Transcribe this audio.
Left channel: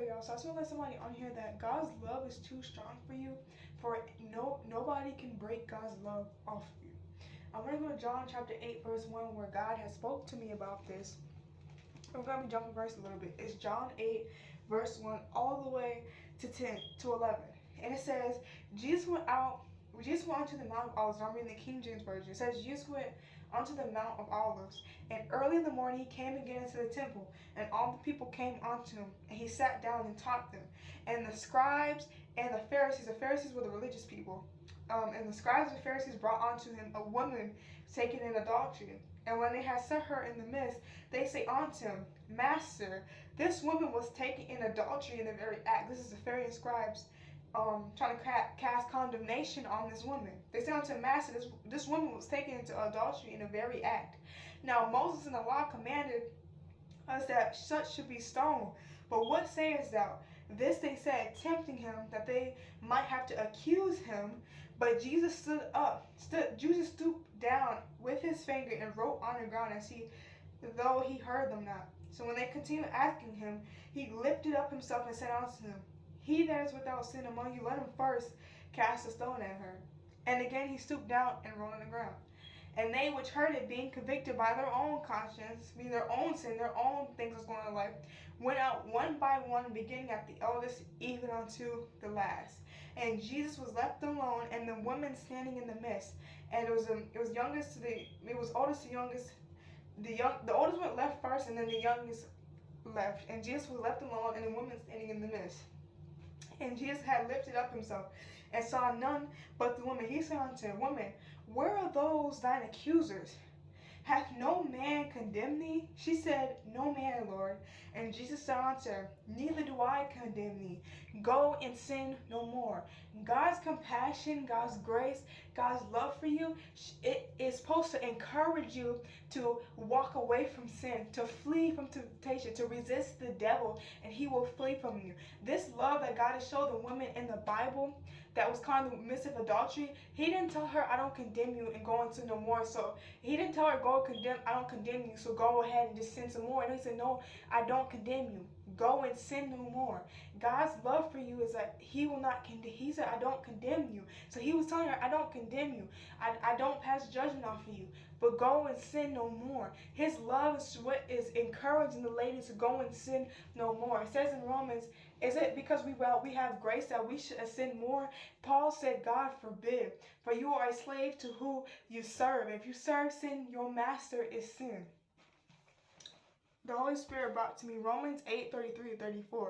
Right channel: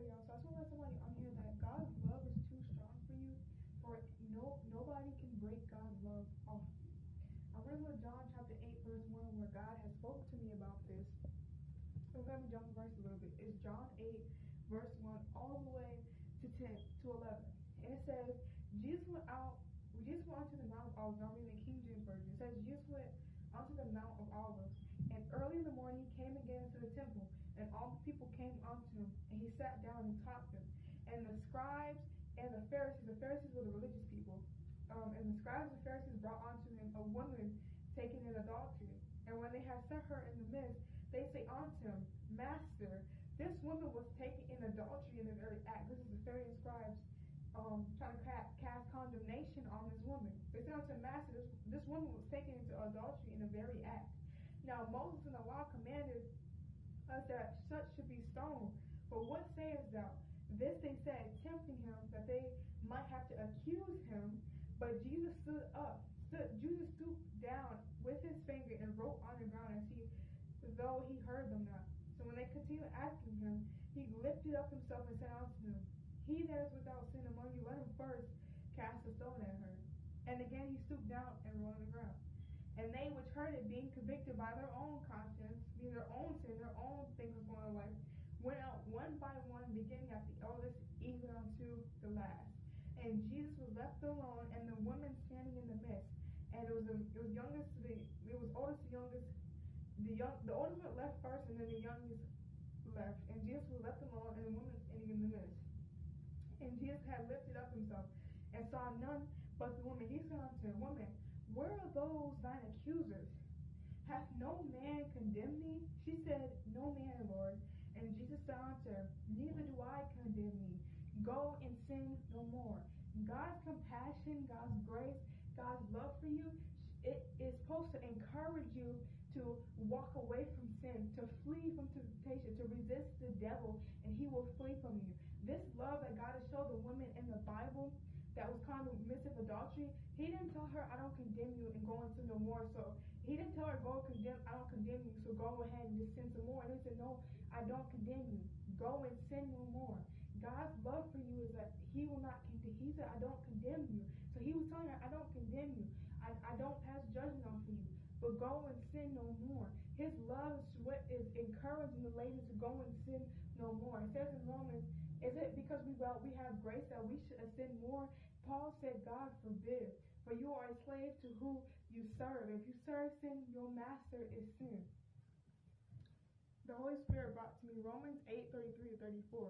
pray, y'all. So I just want to let somebody on here that God's love is too strong for you. For nobody can break God's love off of you. I'm going to go to John chapter 8, verse 1, where God has spoke to me about this. I'm going to be jumping verse a little bit. It's John 8, verse 1, all the way to 10 to 11. And it says, Jesus went onto the Mount of Olives. I'm reading the King James Version. It says, Jesus went onto the Mount of Olives, and early in the morning he came again into the temple, and all the people came unto him, and he sat down and taught them. And the scribes and the Pharisees were the religious people, and the scribes and Pharisees brought unto him a woman taken in adultery. And when they had set her in the midst, they say unto him, Master, this woman was taken in adultery in the very act. This is the Pharisees and scribes trying to cast condemnation on this woman. They say unto Master, this woman was taken into adultery in the very act. Now Moses in the law commanded us that such should be stoned. But what sayest thou? This they said, tempting him, that they might have to accuse him. But Jesus stooped down with his finger and wrote on the ground, though he heard them not. So when they continued asking him, he lifted up himself and said unto them, He that is without sin among you, let him first cast a stone at her. And again he stooped down and wrote on the ground. And they which heard it, being convicted by their own conscience, meaning their own sin, their own things that's going on in life, went out one by one, beginning at the eldest, even unto the last. And Jesus was left alone, and the woman standing in the midst. And it was oldest to youngest. The oldest went left first, and then the youngest left. And Jesus was left alone, and the woman standing in the midst. And Jesus had lifted up himself, and saw none but the woman. He said unto her, Woman, where are those thine accusers? Hath no man condemned thee? She said, No man, Lord. And Jesus said unto her, Neither do I condemn thee. Go and sin no more. God's compassion, God's grace, God's love for you, it is supposed to encourage you to walk away from sin, to flee from temptation, to resist the devil, and he will flee from you. This love that God has shown the woman in the Bible that was caught in the midst of adultery, he didn't tell her, I don't condemn you, and go into no more. So he didn't tell her, I don't condemn you, so go ahead and just sin some more. And he said, No, I don't condemn you. Go and sin no more. God's love for you is that he will not condemn. He said, I don't condemn you. So he was telling her, I don't condemn you. I don't pass judgment off of you, but go and sin no more. His love is what is encouraging the ladies to go and sin no more. It says in Romans, is it because we have grace that we should sin more? Paul said, God forbid. For you are a slave to who you serve. If you serve sin, your master is sin. The Holy Spirit brought to me Romans 8:33-34.